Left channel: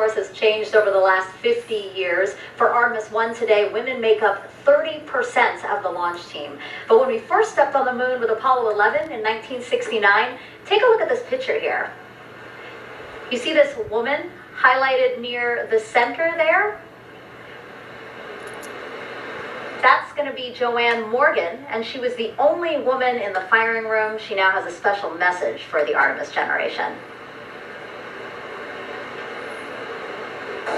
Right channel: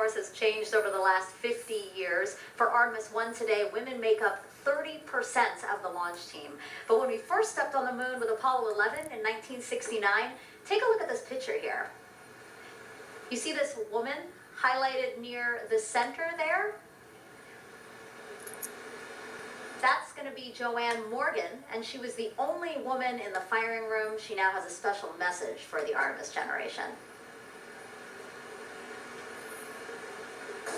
course, has changed over the last 50 years. For Artemis 1 today, women make up 30% of the launch team. But when we first stepped on the moon with Apollo 11 in 1969, take a look at this picture here. You see this woman highlighted near the center there? That's going to be Joanne Morgan, and she was the only woman in the firing room. She now has a special message for the Artemis generation.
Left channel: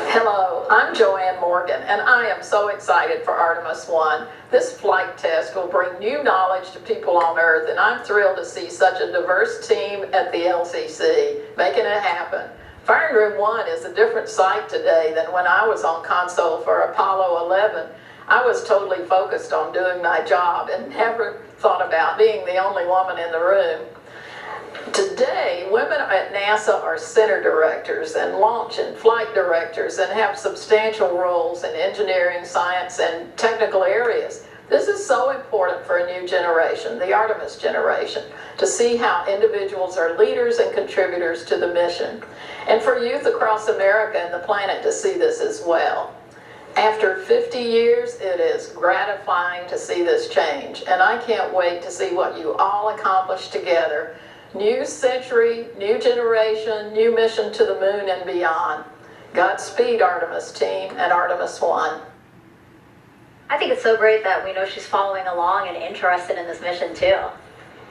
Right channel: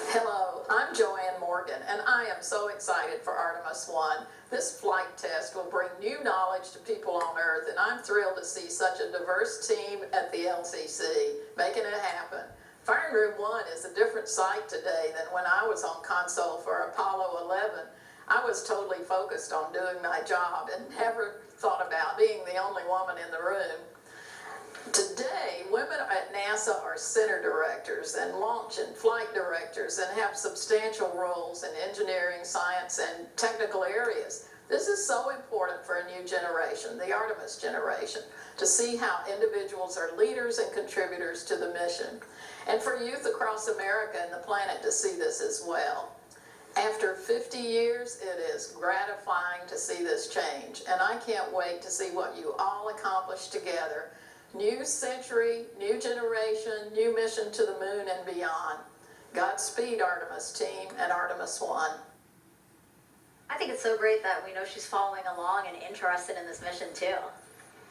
Hello, I'm Joanne Morgan, and I am so excited for Artemis 1. This flight test will bring new knowledge to people on Earth, and I'm thrilled to see such a diverse team at the LCC making it happen. Firing Room 1 is a different sight today than when I was on console for Apollo 11. I was totally focused on doing my job and never thought about being the only woman in the room. Today, women at NASA are center directors and launch and flight directors and have substantial roles in engineering, science, and technical areas. This is so important for a new generation, the Artemis generation, to see how individuals are leaders and contributors to the mission, and for youth across America and the planet to see this as well. After 50 years, it is gratifying to see this change, and I can't wait to see what you all accomplish together. New century, new generation, new mission to the moon and beyond. Godspeed, Artemis team and Artemis 1. I think it's so great that we know she's following along and interested in this mission too.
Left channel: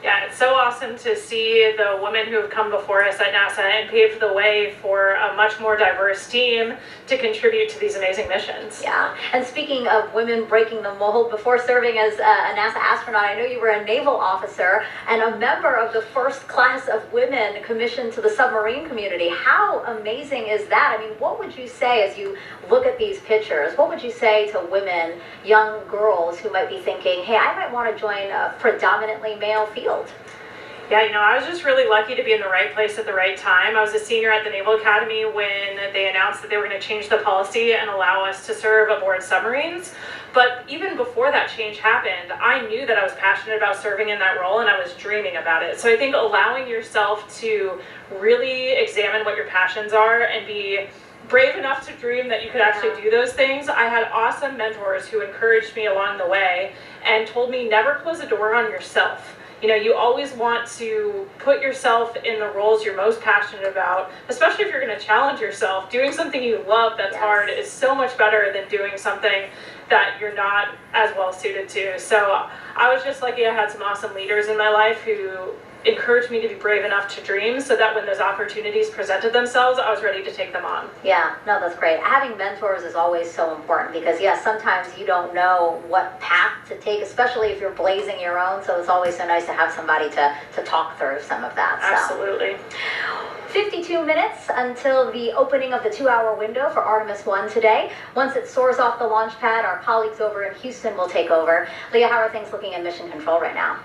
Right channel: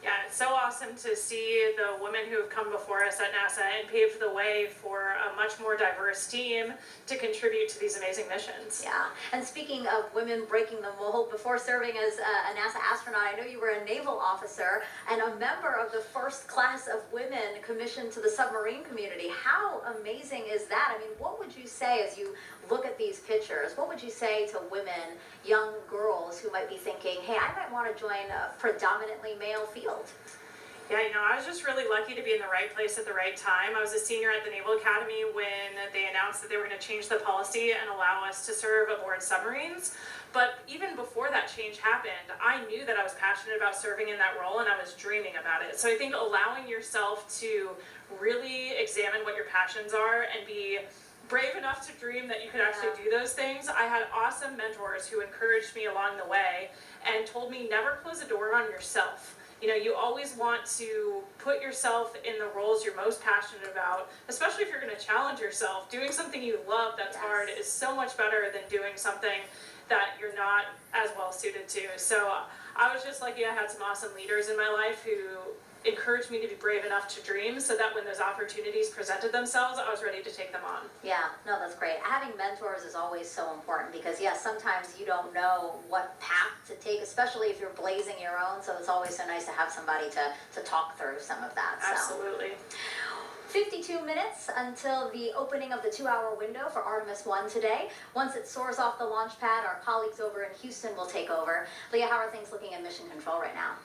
Yeah, it's so awesome to see the women who have come before us at NASA and paved the way for a much more diverse team to contribute to these amazing missions. Yeah, and speaking of women breaking the mold, before serving as a NASA astronaut, I know you were a naval officer and a member of the first class of women commissioned to the submarine community. How amazing is that? I mean, what would you say as you look at these pictures? What would you say to women, young girls who might be thinking, hey, I might want to join a predominantly male field? Yeah, I was just really lucky to be in the right place at the right time. I was a senior at the Naval Academy when they announced that they were going to change the policy and allow us to serve aboard submarines. But even before that change happened, I knew that I was passionate about serving in that role and I was dreaming about it. So I think allowing yourself to really examine what your passions are and be brave enough to dream that you could actually do those things. I had awesome mentors who encouraged me along the way and told me never close a door on yourself. You always want to put yourself in the roles you're most passionate about, especially if you're going to challenge yourself. Doing something you love that's hard is so much better than doing something that you're not as well suited to. So I was just lucky I had some awesome leaders in my life who encouraged me to be brave enough to dream so that when those opportunities presented themselves, I was ready to take them on. Yeah, no, that's great. Having mentors is always so important because, yes, sometimes you don't know what path to take, especially if you're blazing your own. So it's always so nice to have somebody to talk through some of that. Absolutely. 52 minutes until the opening of the 2-hour window for Artemis 1 today. Once it soars off the launch pad, our colleagues over in Houston will take over. Leah, how are things looking in Mission Control right now?